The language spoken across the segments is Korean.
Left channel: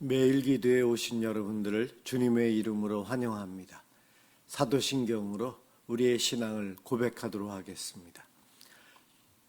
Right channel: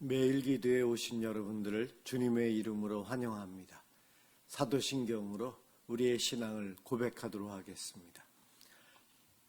매일 기도에 오신 여러분들을 주님의 이름으로 환영합니다. 사도신경으로 우리의 신앙을 고백하도록 하겠습니다.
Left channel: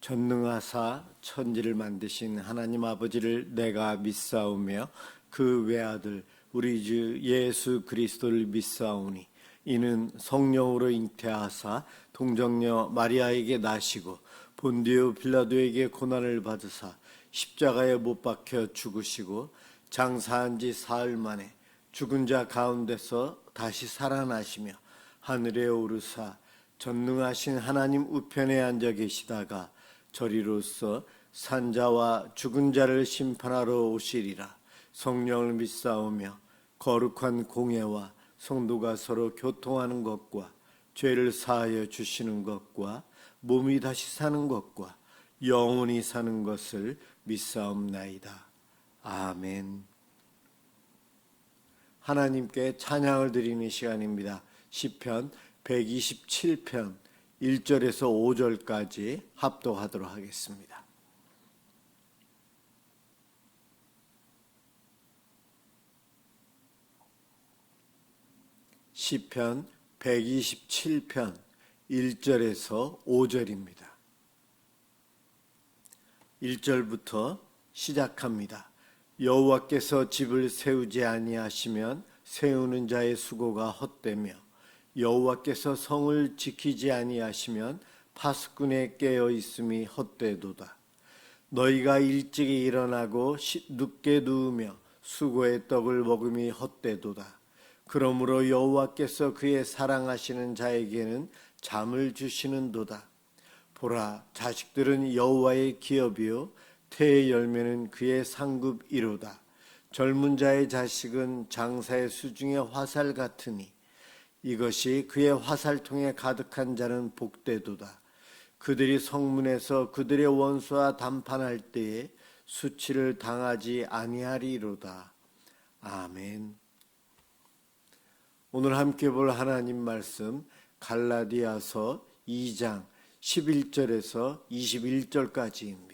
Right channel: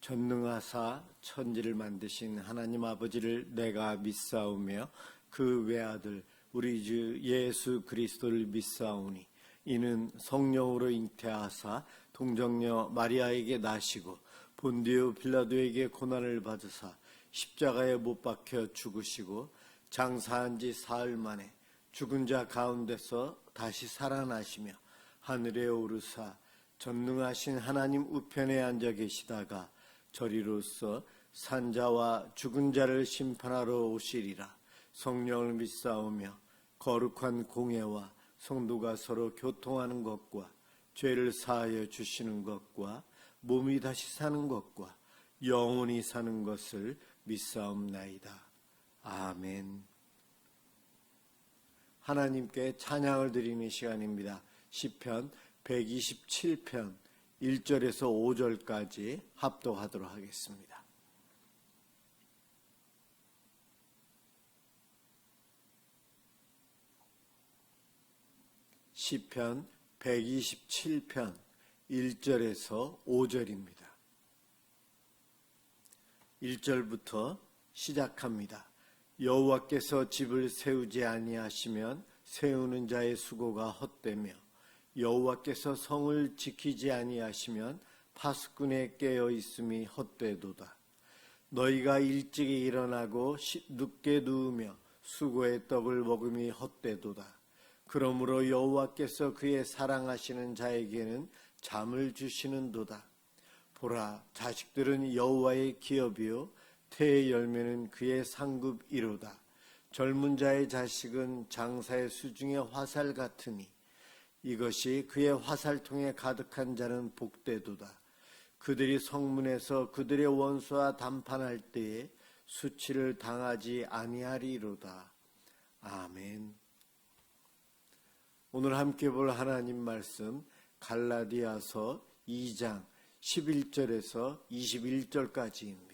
전능하사 천지를 만드신 하나님 아버지를 내가 믿사오며 그 외아들 우리 주 예수 그리스도를 믿사오니 이는 성령으로 잉태하사 동정녀 마리아에게 나시고 본디오 빌라도에게 고난을 받으사 십자가에 못 박혀 죽으시고 장사한 지 사흘 만에 죽은 자 가운데서 다시 살아나시며 하늘에 오르사 전능하신 하나님 우편에 앉아 계시다가 저리로서 산자와 죽은 자를 심판하러 오시리라. 성령을 믿사오며 거룩한 공예와 성도가 서로 교통하는 것과 죄를 사하여 주시는 것과 몸이 다시 사는 것과 영원히 사는 것을 믿사옵나이다. 아멘. 하나님께 찬양을 드리는 시간입니다. 시편 127편 1절에서 5절까지 합독하도록 하겠습니다. 시편 127편 1절에서 5절입니다. 1절부터 시작합니다. 여호와께서 집을 세우지 아니하시면 세우는 자의 수고가 헛되며 여호와께서 성을 지키지 아니하시면 파수꾼의 깨어 있음이 헛되도다. 너희가 일찍이 일어나고 늦게 누우며 수고의 떡을 먹음이 헛되도다. 그러므로 여호와께서 그의 사랑하시는 자에게는 잠을 주시는도다. 보라, 자식들은 여호와의 기업이요 태의 열매는 그의 상급이로다. 젊은 자의 자식은 장사의 수중의 화살 같으니 이것이 그의 화살통에 가득한 자는 복되도다. 그들이 성문에서 그들의 원수와 담판할 때에 수치를 당하지 아니하리로다. 아멘. 오늘 함께 볼 하나님 말씀 갈라디아서 2장 11절에서 21절까지입니다.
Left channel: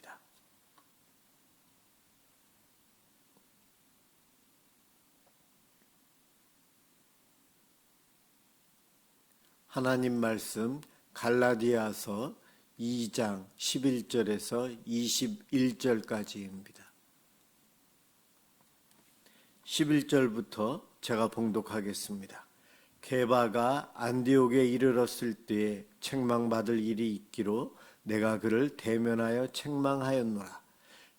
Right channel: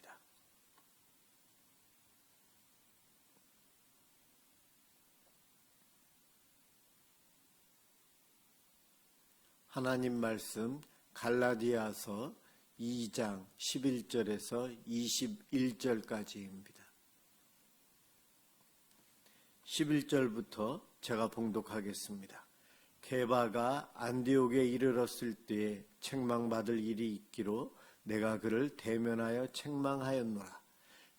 하나님 말씀 갈라디아서 2장 11절에서 21절까지입니다. 11절부터 제가 봉독하겠습니다. 게바가 안디옥에 이르렀을 때에 책망받을 일이 있기로 내가 그를 대면하여 책망하였노라.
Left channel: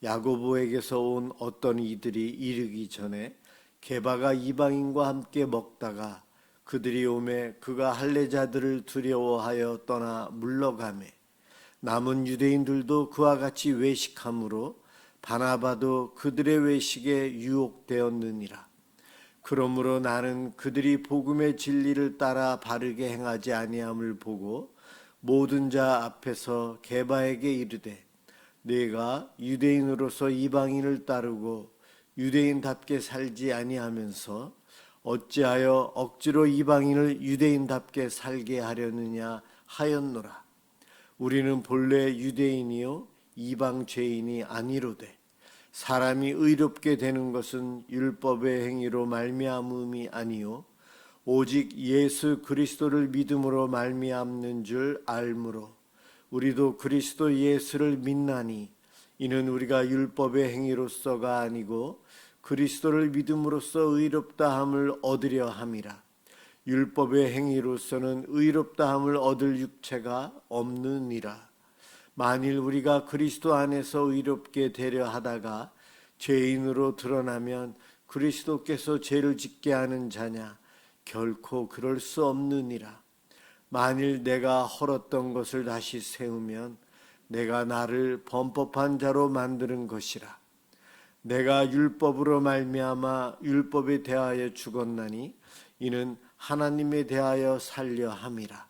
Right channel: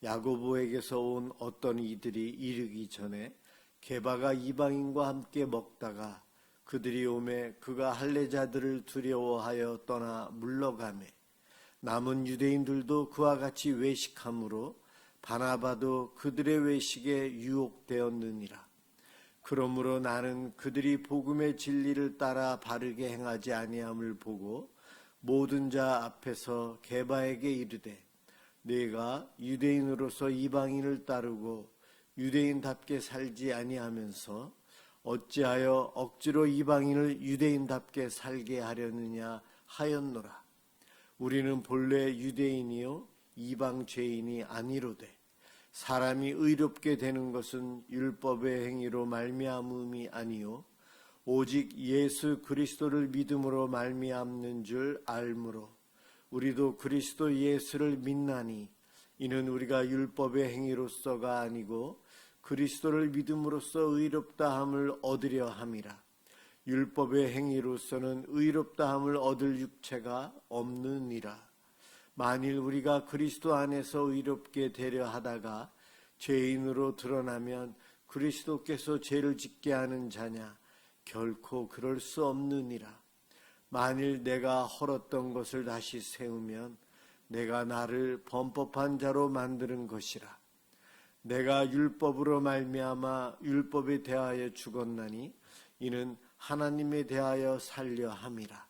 야고보에게서 온 어떤 이들이 이르기 전에 게바가 이방인과 함께 먹다가 그들이 오매 그가 할례자들을 두려워하여 떠나 물러가매 남은 유대인들도 그와 같이 외식함으로 바나바도 그들의 외식에 유혹되었느니라. 그러므로 나는 그들이 복음의 진리를 따라 바르게 행하지 아니함을 보고 모든 자 앞에서 게바에게 이르되 네가 유대인으로서 이방인을 따르고 유대인답게 살지 아니하면서 어찌하여 억지로 이방인을 유대인답게 살게 하려느냐 하였노라. 우리는 본래 유대인이요 이방 죄인이 아니로되 사람이 의롭게 되는 것은 율법의 행위로 말미암음이 아니요 오직 예수 그리스도를 믿음으로 말미암는 줄 알므로 우리도 그리스도 예수를 믿나니 이는 우리가 율법의 행위로서가 아니고 그리스도를 믿음으로써 의롭다함을 얻으려 함이라. 율법의 행위로서는 의롭다함을 얻을 육체가 없느니라. 만일 우리가 그리스도 안에서 의롭게 되려 하다가 죄인으로 드러나면 그리스도께서 죄를 짓게 하는 자냐? 결코 그럴 수 없느니라. 만일 내가 헐었던 것을 다시 세우면 내가 나를 범법한 자로 만드는 것이라. 내가 율법으로 말미암아 율법에 대하여 죽었나니 이는 하나님에 대하여 살려 함이라.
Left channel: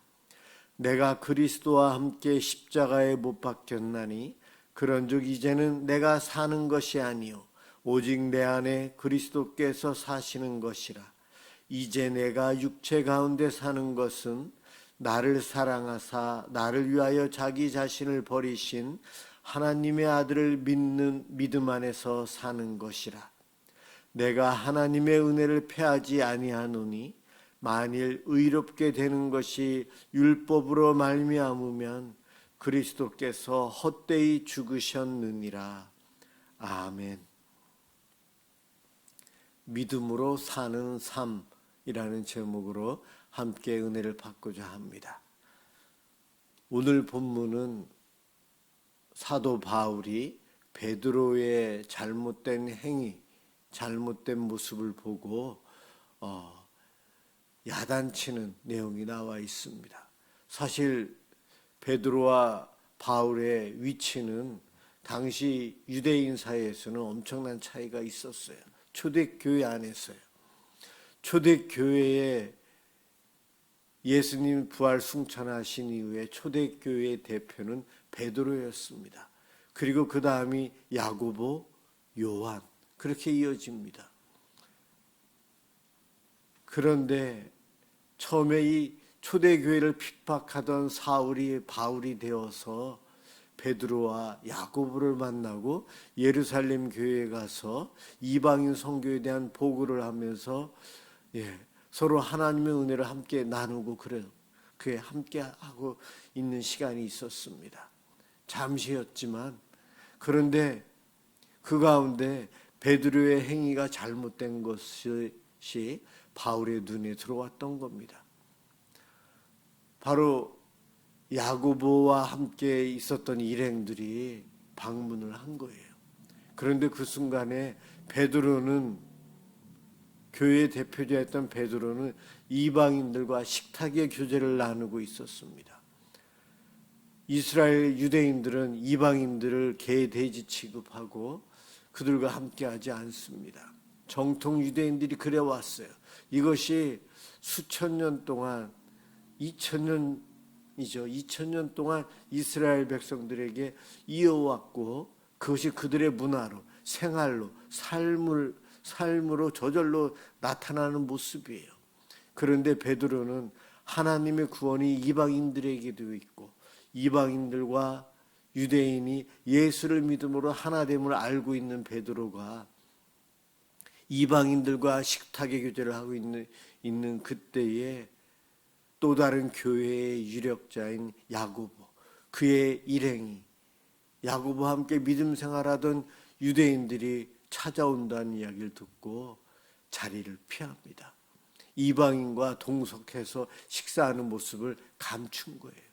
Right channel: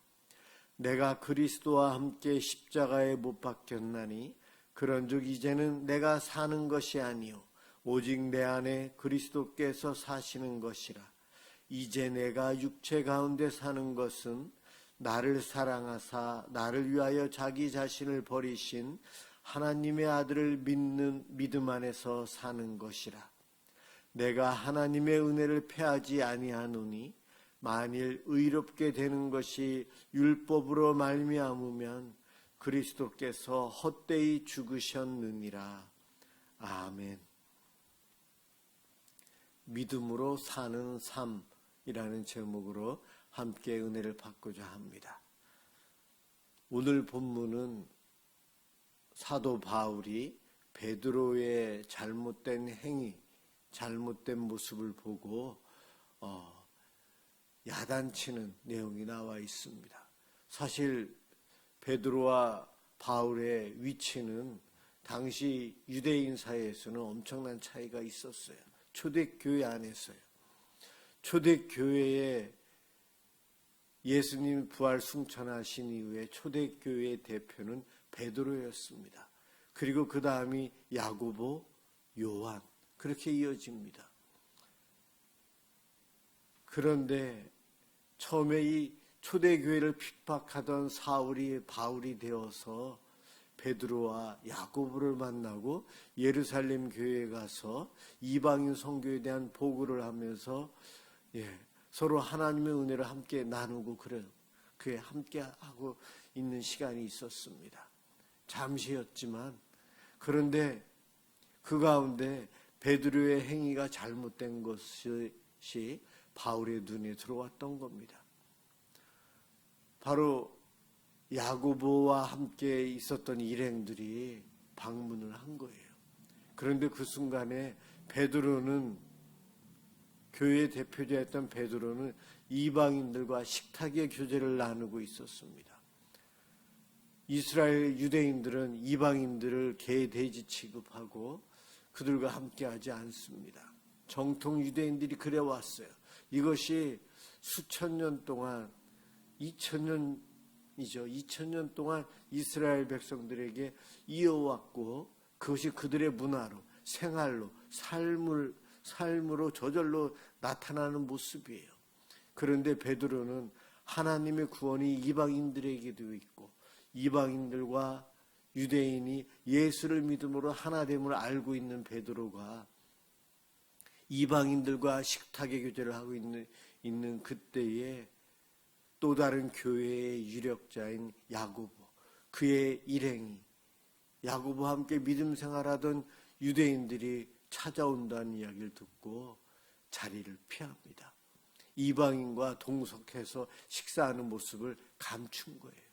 내가 그리스도와 함께 십자가에 못 박혔나니 그런즉 이제는 내가 사는 것이 아니요 오직 내 안에 그리스도께서 사시는 것이라. 이제 내가 육체 가운데 사는 것은 나를 사랑하사 나를 위하여 자기 자신을 버리신 하나님의 아들을 믿는 믿음 안에서 사는 것이라. 내가 하나님의 은혜를 패하지 아니하노니 만일 의롭게 되는 것이 율법으로 말미암으면 그리스도께서 헛되이 죽으셨느니라. 아멘. 믿음으로 사는 삶이라는 제목으로 함께 은혜를 받고자 합니다. 오늘 본문은 사도 바울이 베드로의 잘못된 행위, 잘못된 모습을 보고 야단치는 내용이 나와 있습니다. 사실 베드로와 바울의 위치는 당시 유대인 사이에서는 엄청난 차이가 있었어요. 초대교회 안에서요. 초대교회에 예수님 부활 승천하신 이후에 초대교회의 대표는 베드로였습니다. 그리고 그 다음이 야고보, 요한, 그렇게 이어집니다. 그런데 처음에 이 초대교회를 핍박하던 사울이 바울이 되어서 베드로와 야고보를 만나고 예루살렘 교회에 가서 이방인 선교에 대한 보고를 하면서 서로 하나님의 은혜를 함께 나누고 그에 함께 하고 있는 시간이 있었습니다. 잠시였지만 그런데 그 가운데 베드로의 행위가 잘못된 것이 바울의 눈에 들어왔던 겁니다. 바로 야고보와 함께 있었던 일행들이 방문을 한 거예요. 그런데 그 순간에 베드로는, 교회의 대표자였던 베드로는 이방인들과 식탁의 교제를 나누고 있었습니다. 이스라엘 유대인들은 이방인들을 개, 돼지 취급하고 그들과 함께하지 않습니다. 정통 유대인들이 그래왔어요. 이것이 수천 년 동안, 2000년 동안 이스라엘 백성들에게 이어왔고 그것이 그들의 문화로, 생활로, 삶으로 저절로 나타나는 모습이에요. 그런데 베드로는 하나님의 구원이 이방인들에게도 있고 이방인들과 유대인이 예수를 믿음으로 하나됨을 알고 있는 베드로가 이방인들과 식탁의 교제를 하고 있는 그때에 또 다른 교회의 유력자인 야고보, 그의 일행이, 야고보와 함께 믿음 생활하던 유대인들이 찾아온다는 이야기를 듣고 자리를 피합니다. 이방인과 동석해서 식사하는 모습을 감춘 거예요.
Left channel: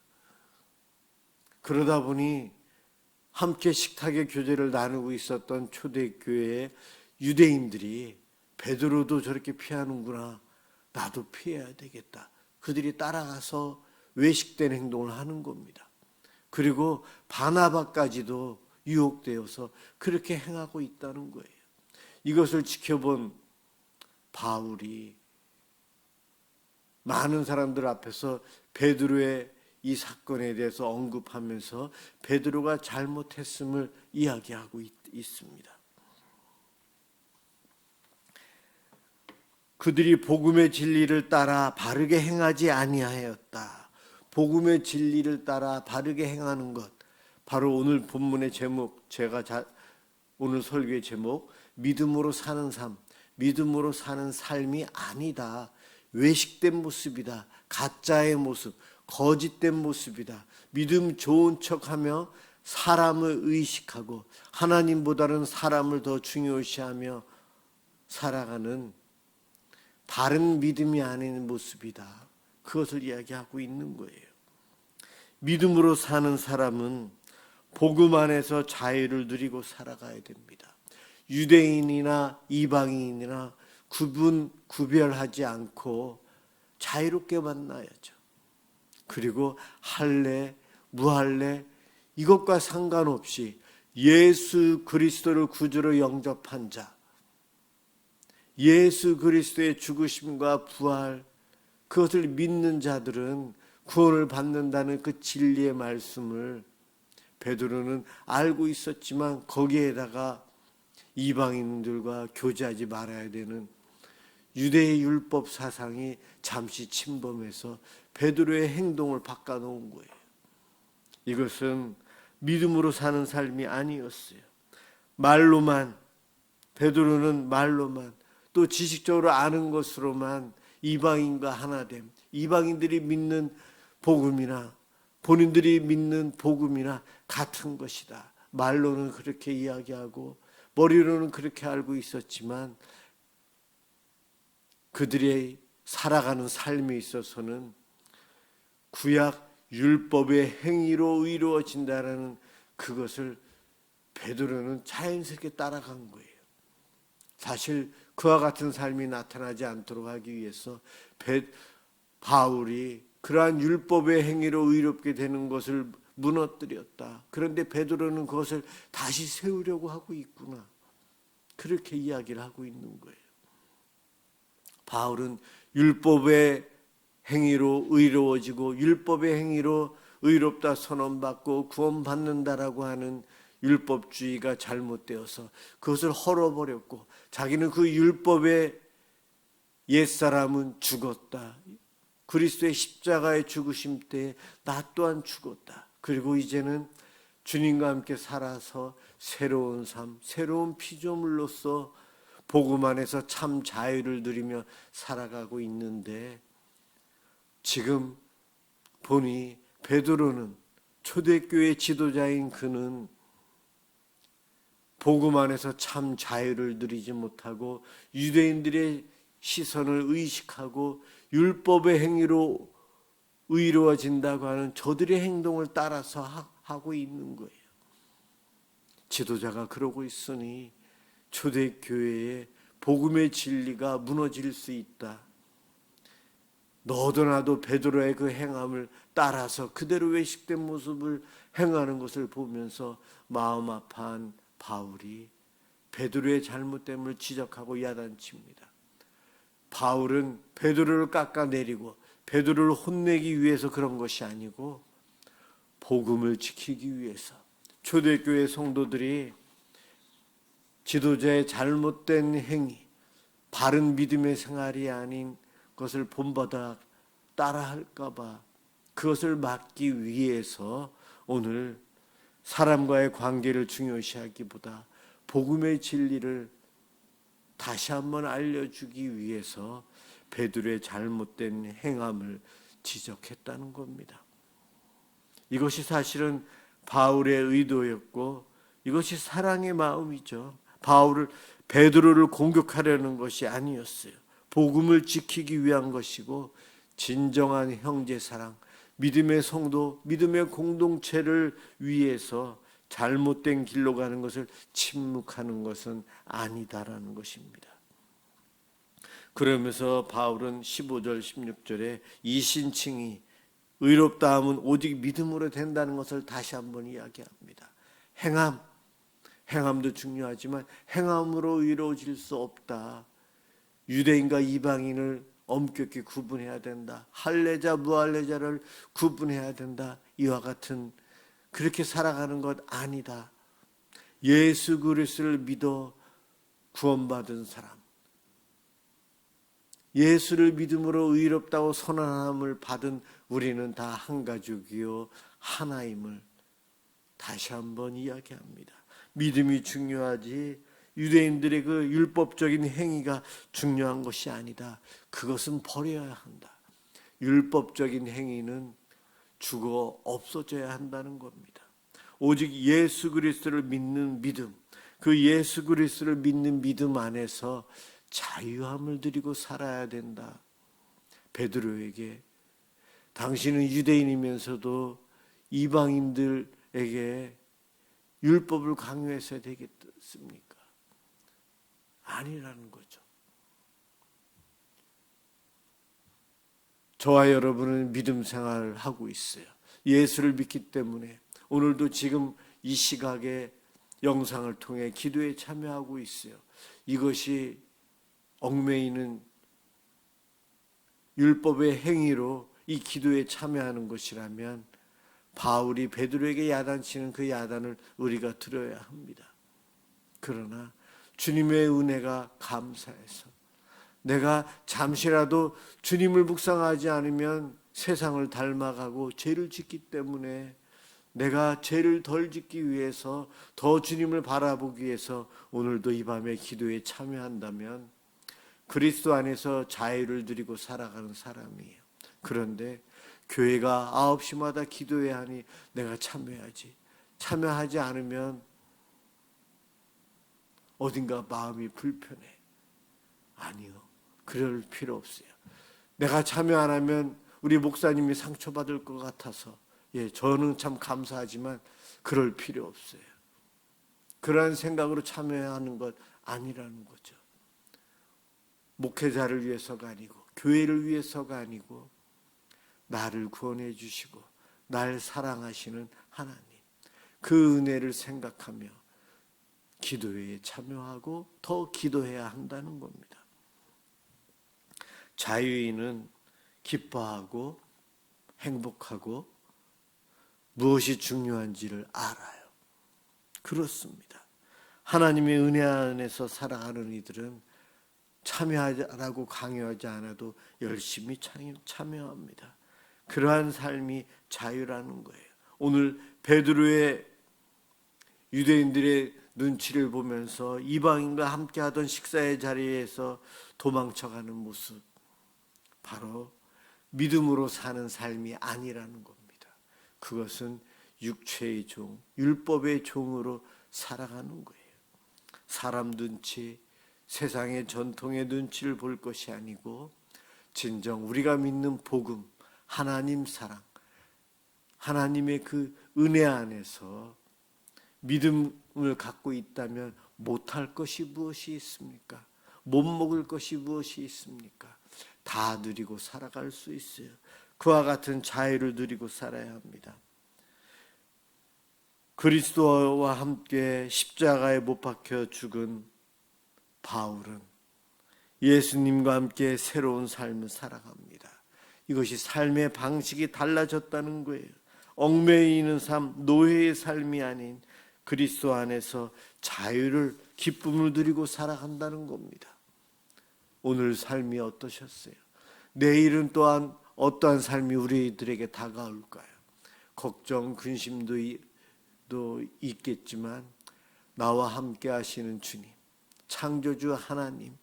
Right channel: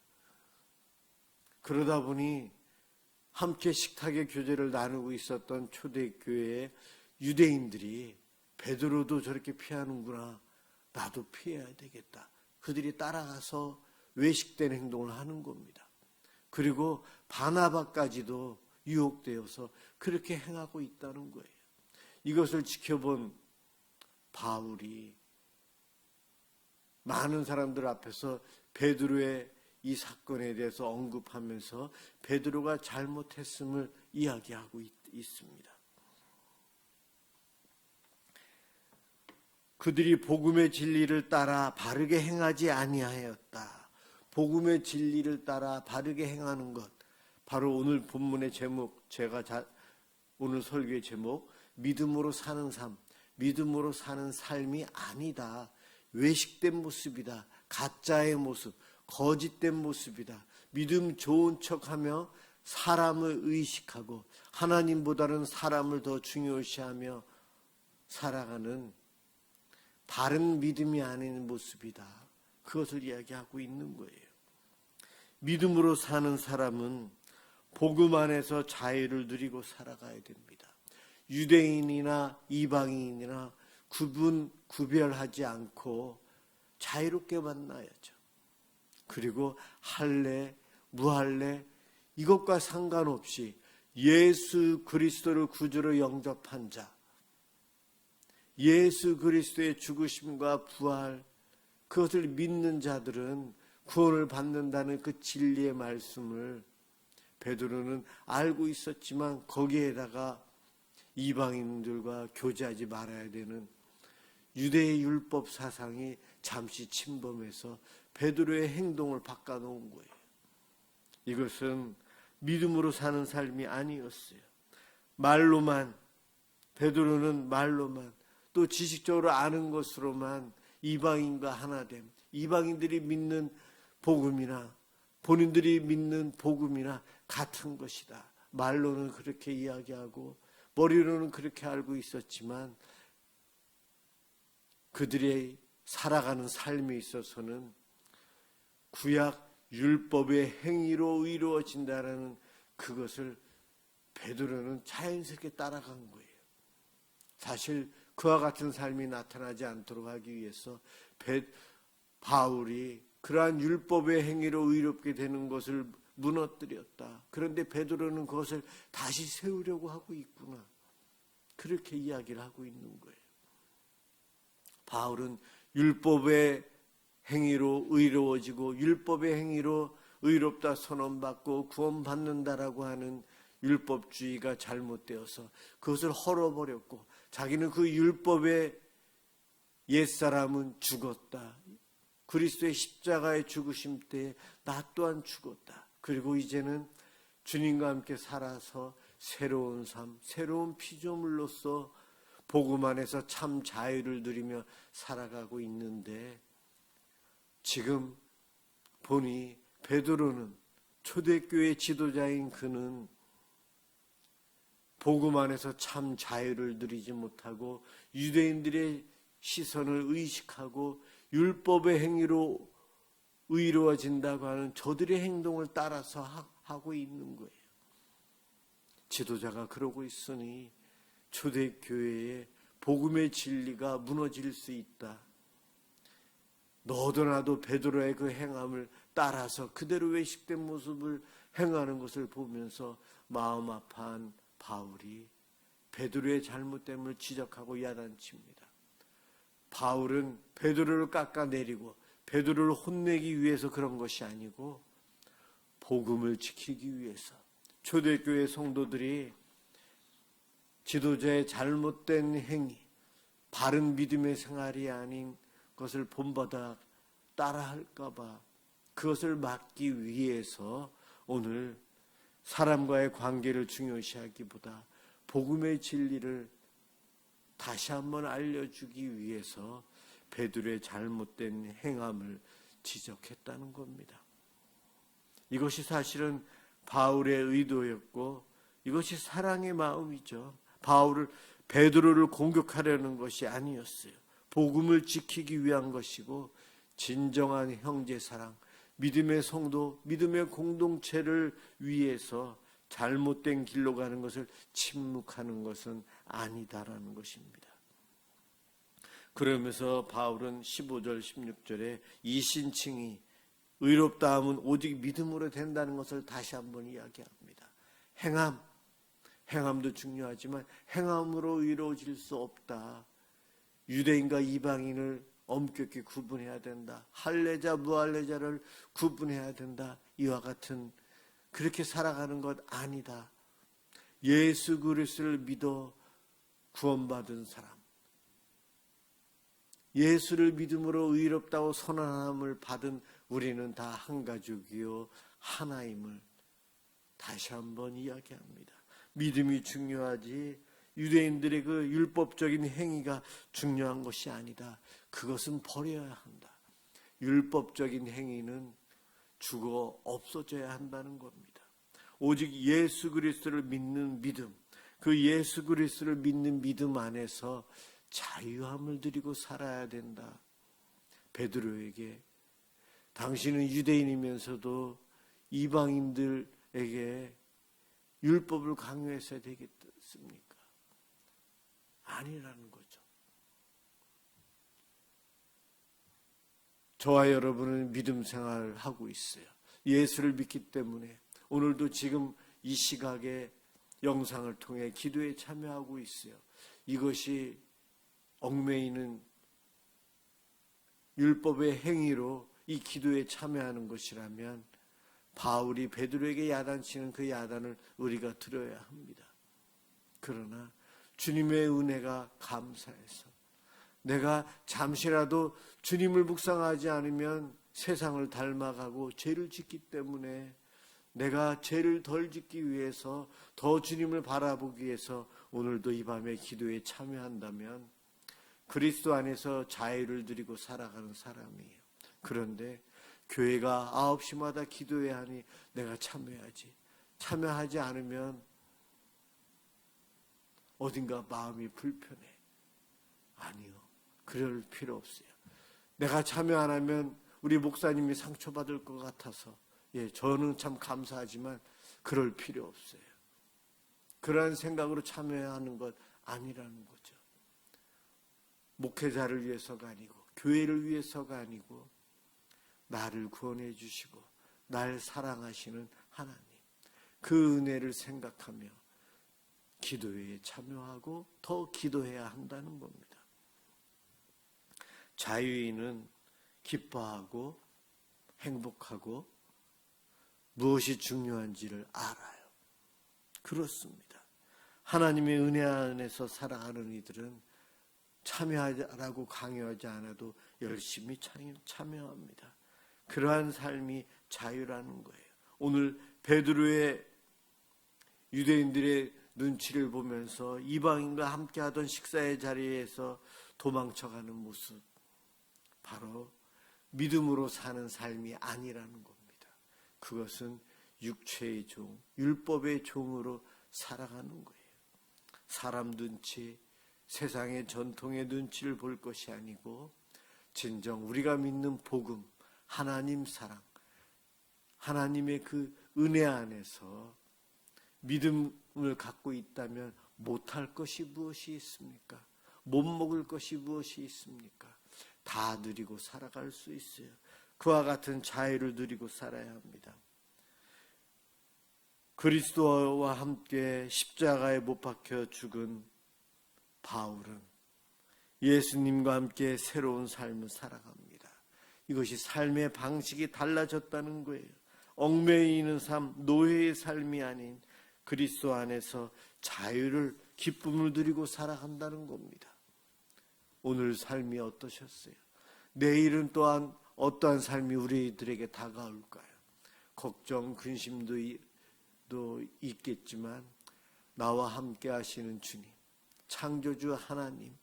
그러다 보니 함께 식탁의 교제를 나누고 있었던 초대교회의 유대인들이 베드로도 저렇게 피하는구나, 나도 피해야 되겠다. 그들이 따라가서 외식된 행동을 하는 겁니다. 그리고 바나바까지도 유혹되어서 그렇게 행하고 있다는 거예요. 이것을 지켜본 바울이 많은 사람들 앞에서 베드로의 이 사건에 대해서 언급하면서 베드로가 잘못했음을 이야기하고 있습니다. 그들이 복음의 진리를 따라 바르게 행하지 아니하였다. 복음의 진리를 따라 바르게 행하는 것, 바로 오늘 본문의 제목, 오늘 설교의 제목, 믿음으로 사는 삶, 믿음으로 사는 삶이 아니다. 외식된 모습이다. 가짜의 모습, 거짓된 모습이다. 믿음 좋은 척하며 사람을 의식하고 하나님보다는 사람을 더 중요시하며 살아가는 바른 믿음이 아닌 모습이다. 그것을 이야기하고 있는 거예요. 믿음으로 사는 사람은 복음 안에서 자유를 누리고 살아가야 됩니다. 유대인이나 이방인이나 구별하지 않고 자유롭게 만나야죠. 그리고 할례, 무할례 이것과 상관없이 예수 그리스도를 구주로 영접한 자, 예수 그리스도의 죽으심과 부활, 그것을 믿는 자들은 구원을 받는다는 그 진리의 말씀을 베드로는 알고 있었지만 거기에다가 이방인들과 교제하지 말아야 되는 유대의 율법 사상이 잠시 침범해서 베드로의 행동을 바꿔놓은 거예요. 이것은 믿음으로 사는 삶이 아니었어요. 말로만 베드로는 말로만 또 지식적으로 아는 것으로만 이방인과 하나됨, 이방인들이 믿는 복음이나 본인들이 믿는 복음이나 같은 것이다. 말로는 그렇게 이야기하고 머리로는 그렇게 알고 있었지만 그들의 살아가는 삶에 있어서는 구약 율법의 행위로 이루어진다라는 그것을 베드로는 자연스럽게 따라간 거예요. 사실 그와 같은 삶이 나타나지 않도록 하기 위해서 바울이 그러한 율법의 행위로 의롭게 되는 것을 무너뜨렸다. 그런데 베드로는 그것을 다시 세우려고 하고 있구나. 그렇게 이야기를 하고 있는 거예요. 바울은 율법의 행위로 의로워지고 율법의 행위로 의롭다 선언받고 구원받는다라고 하는 율법주의가 잘못되어서 그것을 헐어버렸고 자기는 그 율법의 옛사람은 죽었다. 그리스도의 십자가의 죽으심 때에 나 또한 죽었다. 그리고 이제는 주님과 함께 살아서 새로운 삶, 새로운 피조물로서 복음 안에서 참 자유를 누리며 살아가고 있는데 지금 보니 베드로는 초대교회 지도자인 그는 복음 안에서 참 자유를 누리지 못하고 유대인들의 시선을 의식하고 율법의 행위로 의로워진다고 하는 저들의 행동을 따라서 하고 있는 거예요. 지도자가 그러고 있으니 초대교회의 복음의 진리가 무너질 수 있다. 너도 나도 베드로의 그 행함을 따라서 그대로 외식된 모습을 행하는 것을 보면서 마음 아파한 바울이 베드로의 잘못됨을 지적하고 야단칩니다. 바울은 베드로를 깎아내리고 베드로를 혼내기 위해서 그런 것이 아니고 복음을 지키기 위해서 초대교회 성도들이 지도자의 잘못된 행위, 바른 믿음의 생활이 아닌 것을 본받아 따라할까 봐 그것을 막기 위해서 오늘 사람과의 관계를 중요시하기보다 복음의 진리를 다시 한번 알려주기 위해서 베드로의 잘못된 행함을 지적했다는 겁니다. 이것이 사실은 바울의 의도였고 이것이 사랑의 마음이죠. 베드로를 공격하려는 것이 아니었어요. 복음을 지키기 위한 것이고 진정한 형제 사랑, 믿음의 성도, 믿음의 공동체를 위해서 잘못된 길로 가는 것을 침묵하는 것은 아니다라는 것입니다. 그러면서 바울은 15절 16절에 이 신칭이 의롭다 함은 오직 믿음으로 된다는 것을 다시 한번 이야기합니다. 행함도 중요하지만 행함으로 의로워질 수 없다. 유대인과 이방인을 엄격히 구분해야 된다. 할례자 무할례자를 구분해야 된다. 이와 같은 그렇게 살아가는 것 아니다. 예수 그리스도를 믿어 구원받은 사람, 예수를 믿음으로 의롭다고 선언함을 받은 우리는 다 한 가족이요 하나임을 다시 한번 이야기합니다. 믿음이 중요하지 유대인들의 그 율법적인 행위가 중요한 것이 아니다. 그것은 버려야 한다. 율법적인 행위는 죽어 없어져야 한다는 겁니다. 오직 예수 그리스도를 믿는 믿음, 그 예수 그리스도를 믿는 믿음 안에서 자유함을 누리고 살아야 된다. 베드로에게 당신은 유대인이면서도 이방인들에게 율법을 강요해서 되겠습니까? 아니라는 거죠. 저와 여러분은 믿음 생활을 하고 있어요. 예수를 믿기 때문에 오늘도 지금 이 시각에 영상을 통해 기도에 참여하고 있어요. 이것이 얽매이는 율법의 행위로 이 기도에 참여하는 것이라면 바울이 베드로에게 야단치는 그 야단을 우리가 들어야 합니다. 그러나 주님의 은혜가 감사해서 내가 잠시라도 주님을 묵상하지 않으면 세상을 닮아가고 죄를 짓기 때문에 내가 죄를 덜 짓기 위해서, 더 주님을 바라보기 위해서 오늘도 이 밤에 기도에 참여한다면 그리스도 안에서 자유를 누리고 살아가는 사람이에요. 그런데 교회가 9시마다 기도해야 하니 내가 참여해야지. 참여하지 않으면 어딘가 마음이 불편해. 아니요. 그럴 필요 없어요. 내가 참여 안 하면 우리 목사님이 상처받을 것 같아서, 저는 참 감사하지만 그럴 필요 없어요. 그러한 생각으로 참여하는 것 아니라는 거죠. 목회자를 위해서가 아니고 교회를 위해서가 아니고 나를 구원해 주시고 날 사랑하시는 하나님, 그 은혜를 생각하며 기도회에 참여하고 더 기도해야 한다는 겁니다. 자유인은 기뻐하고 행복하고 무엇이 중요한지를 알아요. 그렇습니다. 하나님의 은혜 안에서 살아가는 이들은 참여하라고 강요하지 않아도 열심히 참여합니다. 그러한 삶이 자유라는 거예요. 오늘 베드로의 유대인들의 눈치를 보면서 이방인과 함께하던 식사의 자리에서 도망쳐가는 모습, 바로 믿음으로 사는 삶이 아니라는 겁니다. 그것은 육체의 종, 율법의 종으로 살아가는 거예요. 사람 눈치, 세상의 전통의 눈치를 볼 것이 아니고 진정 우리가 믿는 복음, 하나님 사랑, 하나님의 그 은혜 안에서 믿음을 갖고 있다면 못할 것이 무엇이 있습니까? 못 먹을 것이 무엇이 있습니까? 다 누리고 살아갈 수 있어요. 그와 같은 자유를 누리고 살아야 합니다. 그리스도와 함께 십자가에 못 박혀 죽은 바울은 예수님과 함께 새로운 삶을 살아갑니다. 이것이 삶의 방식이 달라졌다는 거예요. 얽매이는 삶, 노예의 삶이 아닌 그리스도 안에서 자유를, 기쁨을 누리고 살아간다는 겁니다. 오늘 삶이 어떠셨어요? 내일은 또한 어떠한 삶이 우리들에게 다가올까요? 걱정, 근심도 있겠지만 나와 함께 하시는 주님, 창조주 하나님,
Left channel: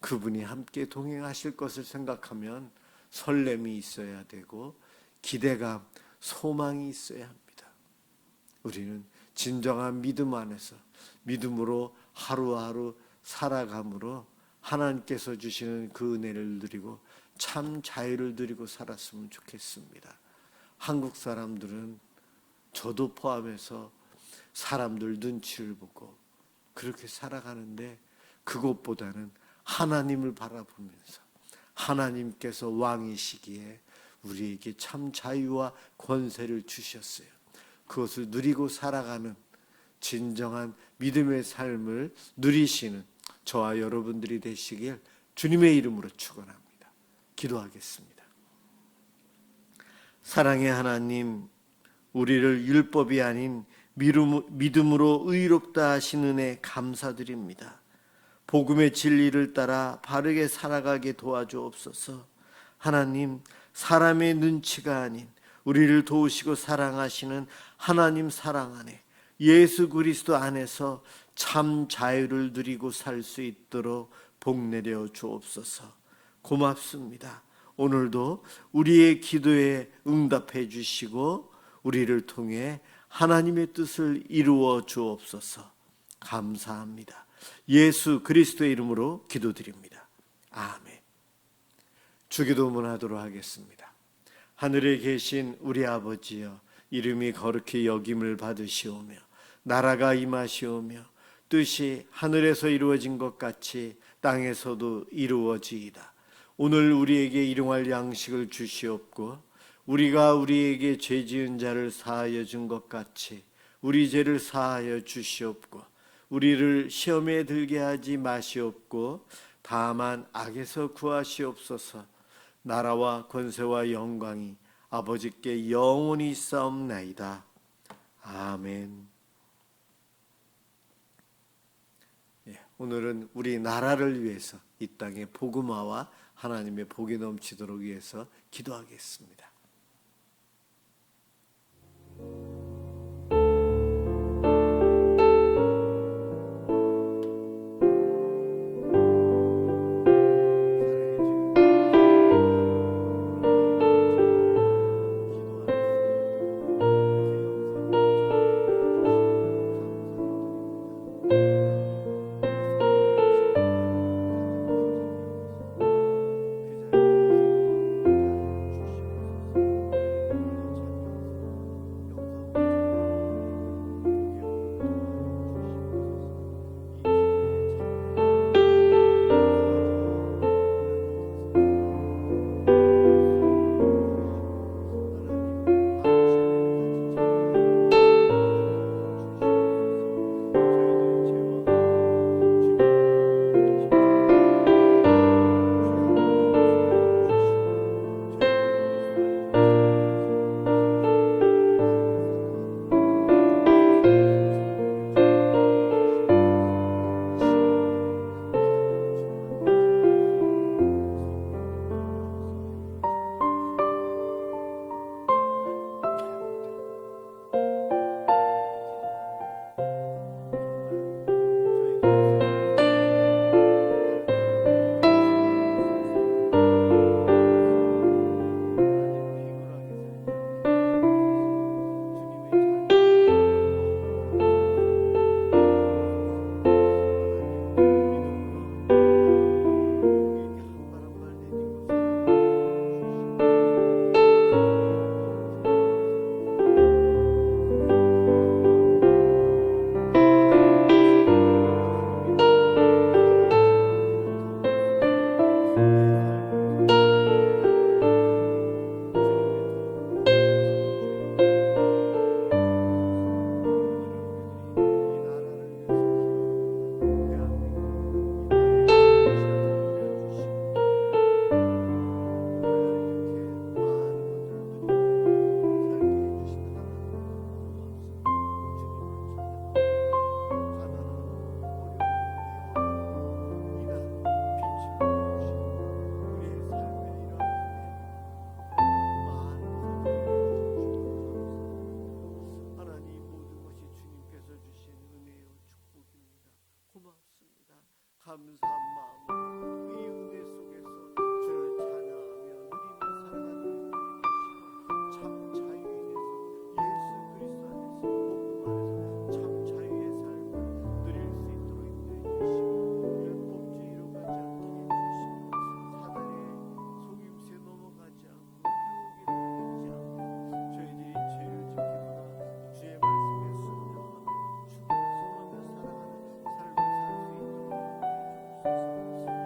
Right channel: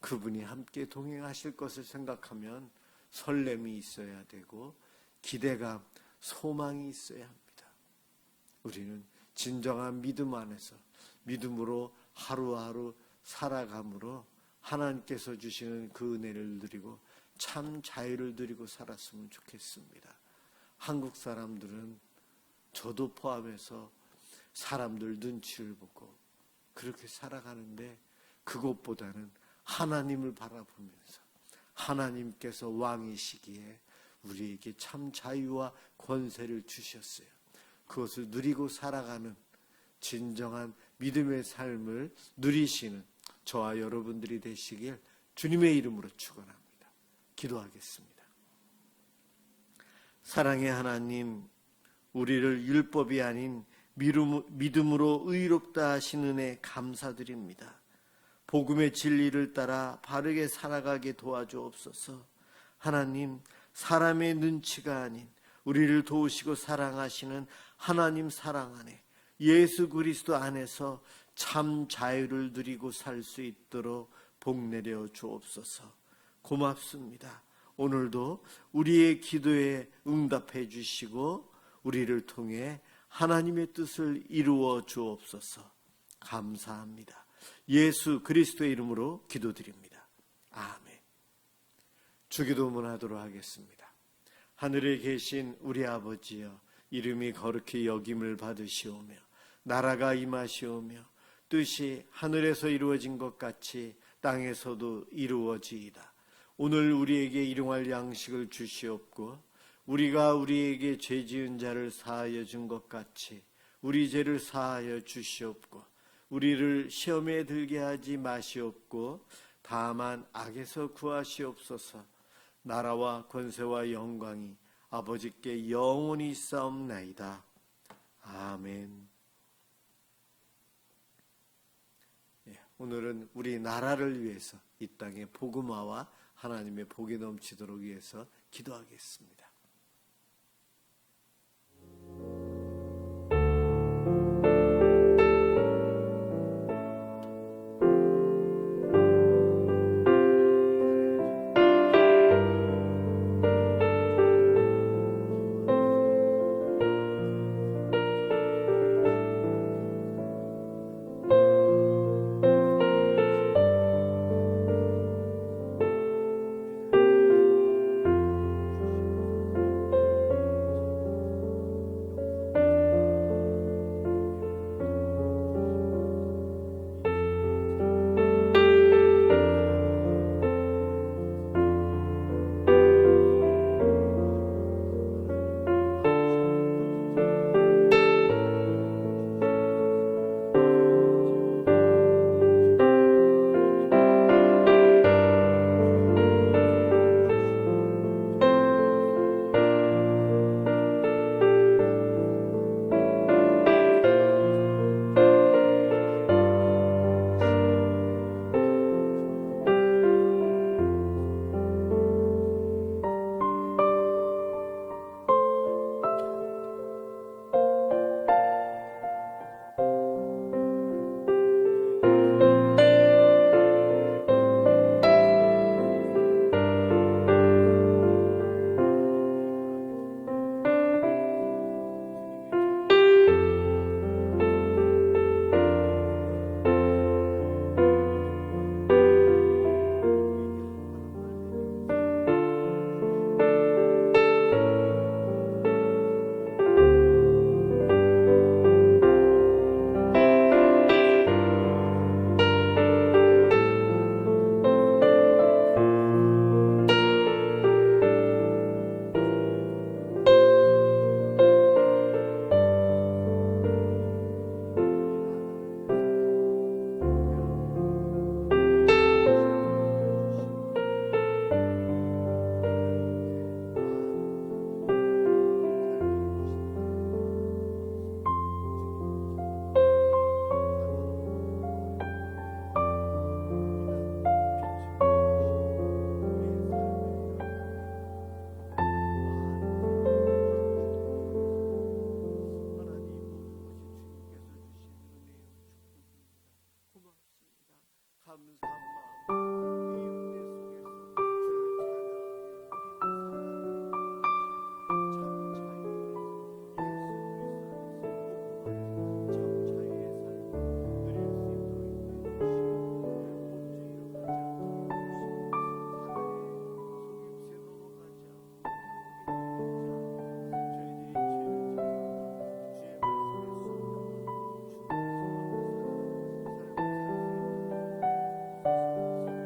그분이 함께 동행하실 것을 생각하면 설렘이 있어야 되고 기대감, 소망이 있어야 합니다. 우리는 진정한 믿음 안에서 믿음으로 하루하루 살아감으로 하나님께서 주시는 그 은혜를 누리고 참 자유를 누리고 살았으면 좋겠습니다. 한국 사람들은 저도 포함해서 사람들 눈치를 보고 그렇게 살아가는데, 그것보다는 하나님을 바라보면서 하나님께서 왕이시기에 우리에게 참 자유와 권세를 주셨어요. 그것을 누리고 살아가는 진정한 믿음의 삶을 누리시는 저와 여러분들이 되시길 주님의 이름으로 축원합니다. 기도하겠습니다. 사랑의 하나님, 우리를 율법이 아닌 믿음으로 의롭다 하신 은혜 감사드립니다. 복음의 진리를 따라 바르게 살아가게 도와주옵소서. 하나님, 사람의 눈치가 아닌 우리를 도우시고 사랑하시는 하나님 사랑 안에, 예수 그리스도 안에서 참 자유를 누리고 살 수 있도록 복내려 주옵소서. 고맙습니다. 오늘도 우리의 기도에 응답해 주시고 우리를 통해 하나님의 뜻을 이루어 주옵소서. 감사합니다. 예수 그리스도의 이름으로 기도드립니다. 아멘. 주기도문 하도록 하겠습니다. 하늘에 계신 우리 아버지여, 이름이 거룩히 여김을 받으시오며 나라가 임하시오며 뜻이 하늘에서 이루어진 것 같이 땅에서도 이루어지이다. 오늘 우리에게 일용할 양식을 주시옵고 우리가 우리에게 죄 지은 자를 사하여 준 것 같이 우리 죄를 사하여 주시옵고 우리를 시험에 들게 하지 마시옵고 다만 악에서 구하시옵소서. 나라와 권세와 영광이 아버지께 영원히 있사옵나이다. 아멘. 오늘은 우리 나라를 위해서 이 땅에 복음화와 하나님의 복이 넘치도록 위해서 기도하겠습니다. 감사한 마음으로 이 은혜 속에서 주를 찬양하며 누리며 살아가는 우리 참 자유인에서 예수 그리스도 안에서 복음 안에서 참 자유의 삶을 누릴 수 있도록 인도해 주시고 율법주의로 가지 않게 해주시고 사단의 속임수에 넘어가지 않고 유혹에 끌리지 않고 저희들이 죄를 지키거나 주의 말씀에 순종하며 충성하며 살아가는 삶을 살 수 있도록 인도해 주옵소서.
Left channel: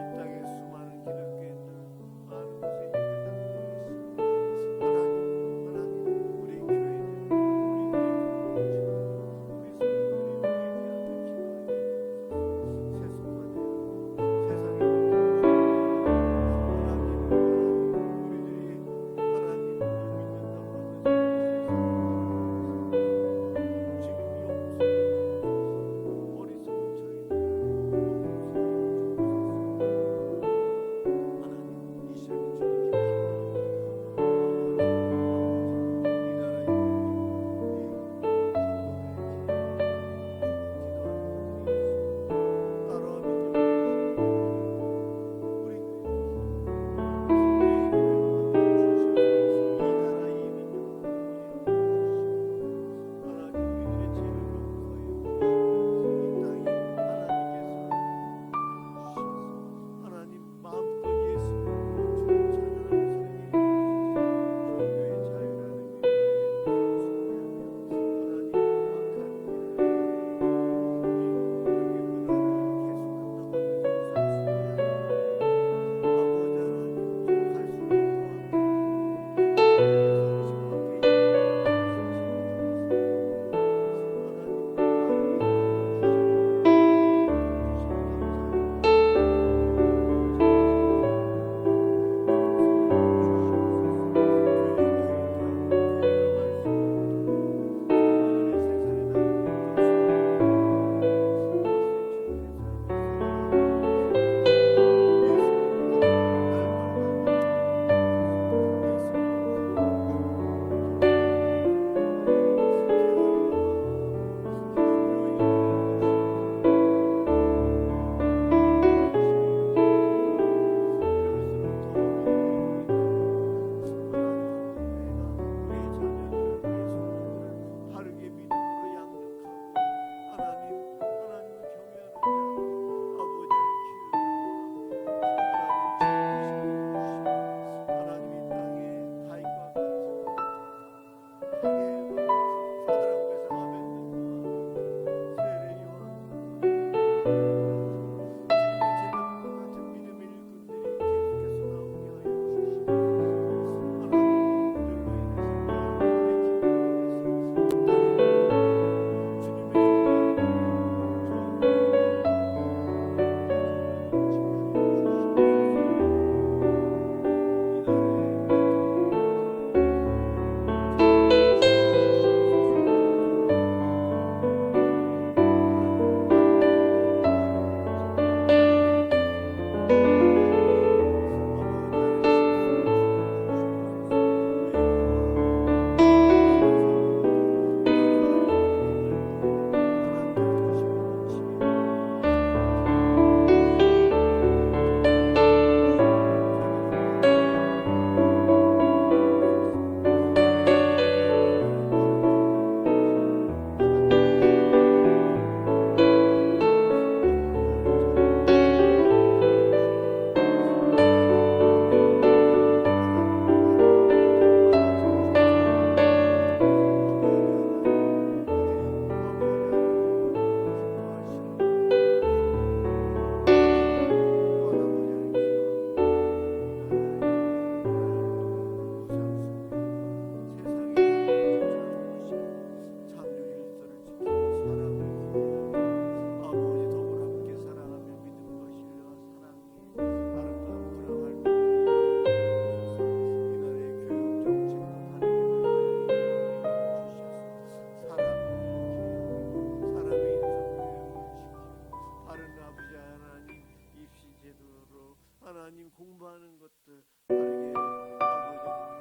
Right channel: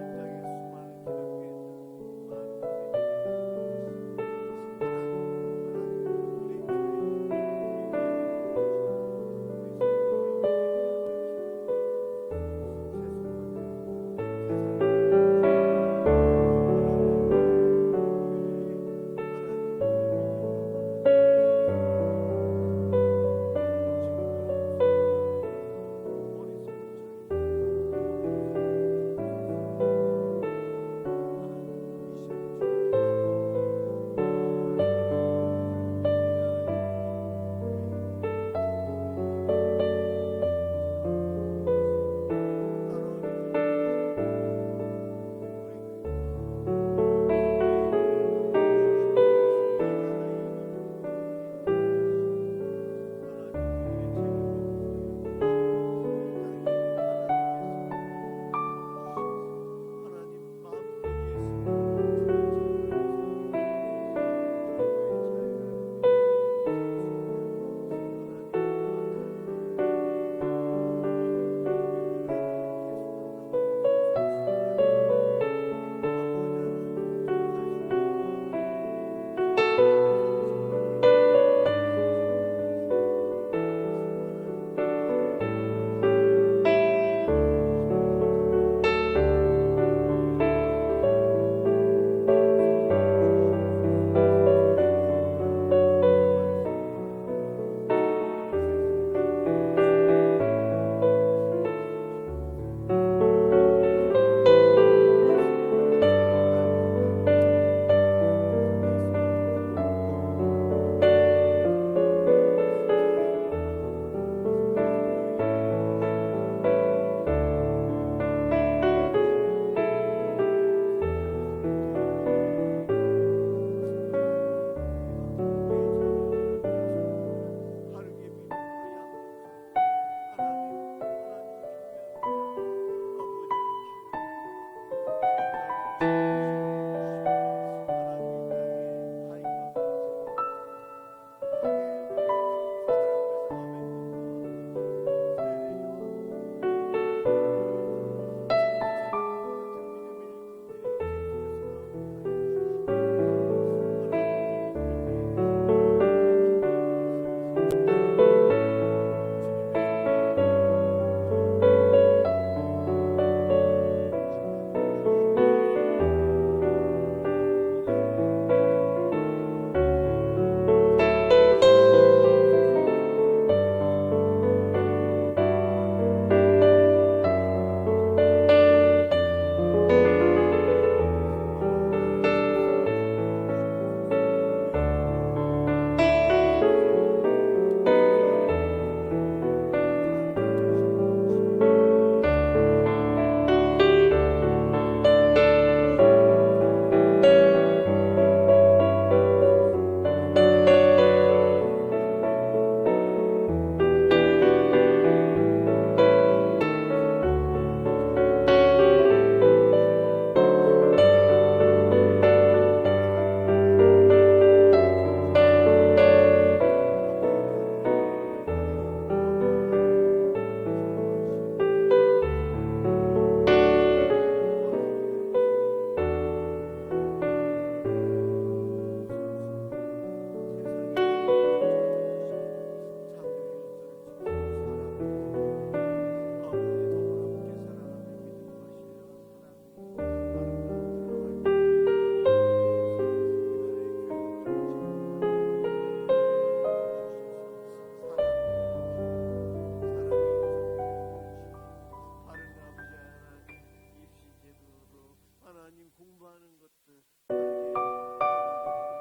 바른 아버지 하나님 입시 제도로 하나님 공부하는 것들 바르게 아버지